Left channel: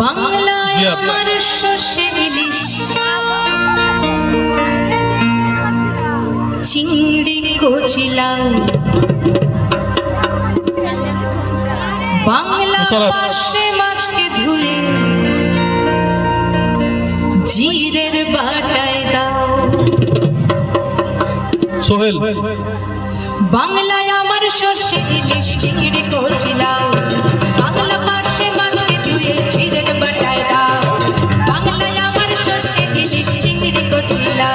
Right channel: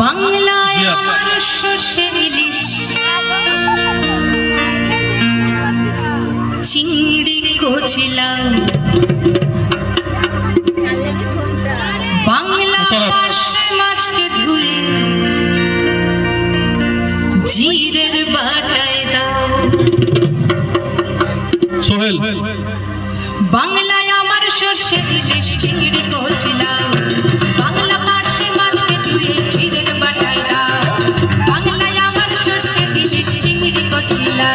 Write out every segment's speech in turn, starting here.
বাংলায় আমার সর্ষে ইলিশ চিংড়ি কচলা বাংলা সে মাছকে ধুয়ে জিরের বাটায় দাও সোহেল। বাংলায় আমার সর্ষে ইলিশ চিংড়ি কচলা বাংলা পাশে মাছকে ধুয়ে জিরের বাটায় দাও বাংলায় আমার সর্ষে ইলিশ চিংড়ি কচলা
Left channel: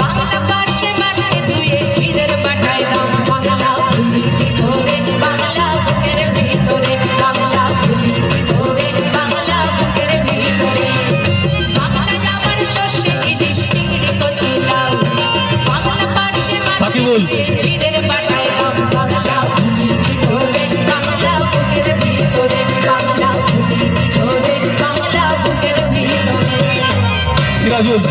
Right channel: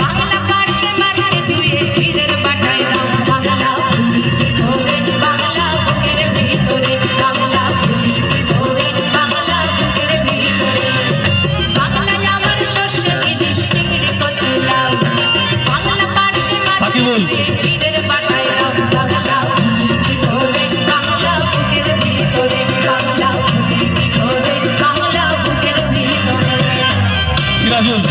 বাংলা পাশে মাছকে ধুয়ে জিরের বাটায় দাও বাংলা ভুলিতে ধরে বাংলা বুকের ভিতরে বাংলা ভুলিতে ধরে বাংলা বুকের ভিতরে বাংলায় আমার সর্ষে ইলিশ চিংড়ি কচলা বাংলা পাশে মাছকে ধুয়ে জিরের বাটায় দাও বাংলা ভুলিতে ধরে বাংলা বুকের ভিতরে বাংলা ভুলিতে ধরে বাংলা বুকের ভিতরে। Sirajul.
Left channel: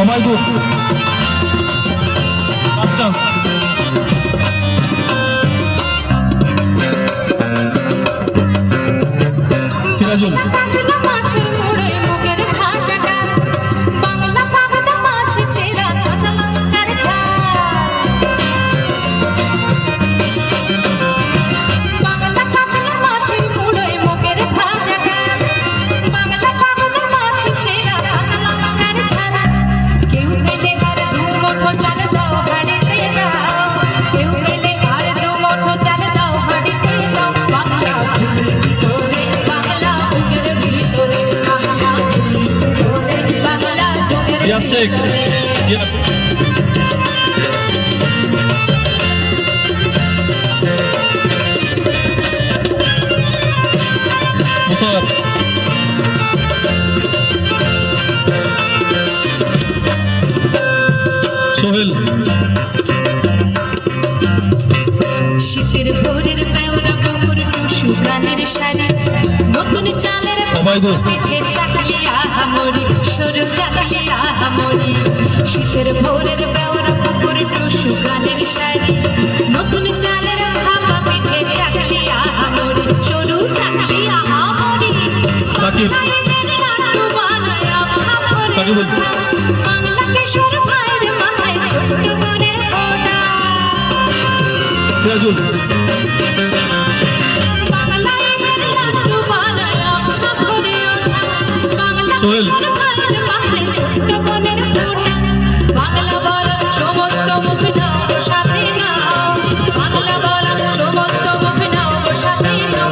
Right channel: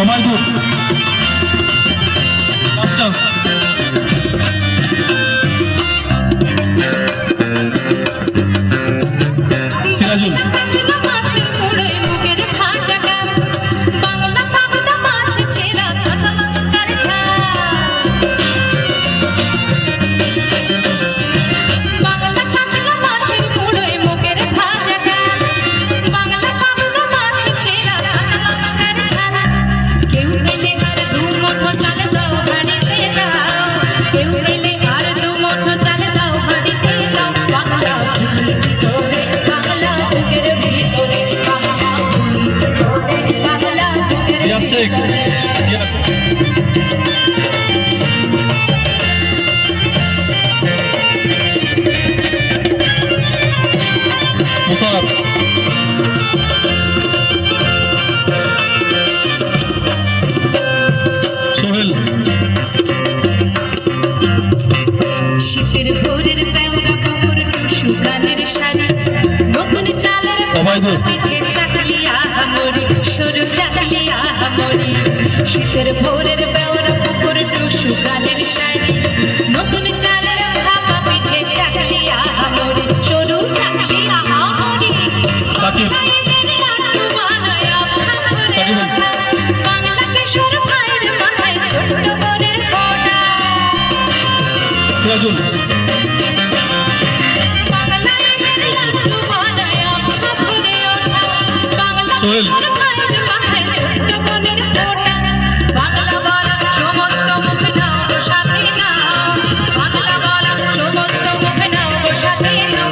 অমায়দুল। কাপচাঁদ। Sirajul. Sheikh. Yeah. Musab. Sohel. শীতের ভোরের বেলা পুকুর টুসু গানের শাড়ি নতুন চালের পিঠে চাকলি আহামরি সরু চাকলি আহামরি শীতের ভোরের বেলা পুকুর টুসু গানের শাড়ি নতুন চালের ভাপা পিঠে চাকলি আহামরি সরু চাকলি আহামরি সাকিব সাকিব বাংলা কিশোর ভাইয়ের মাথায় ছোট্ট বনের ফোঁটা সিরাজুল সোহেল বাংলা বলা সমস্ত মুখ নাও সাথে নাও বাংলা বলা সমস্ত মুখ নাও সাথে নাও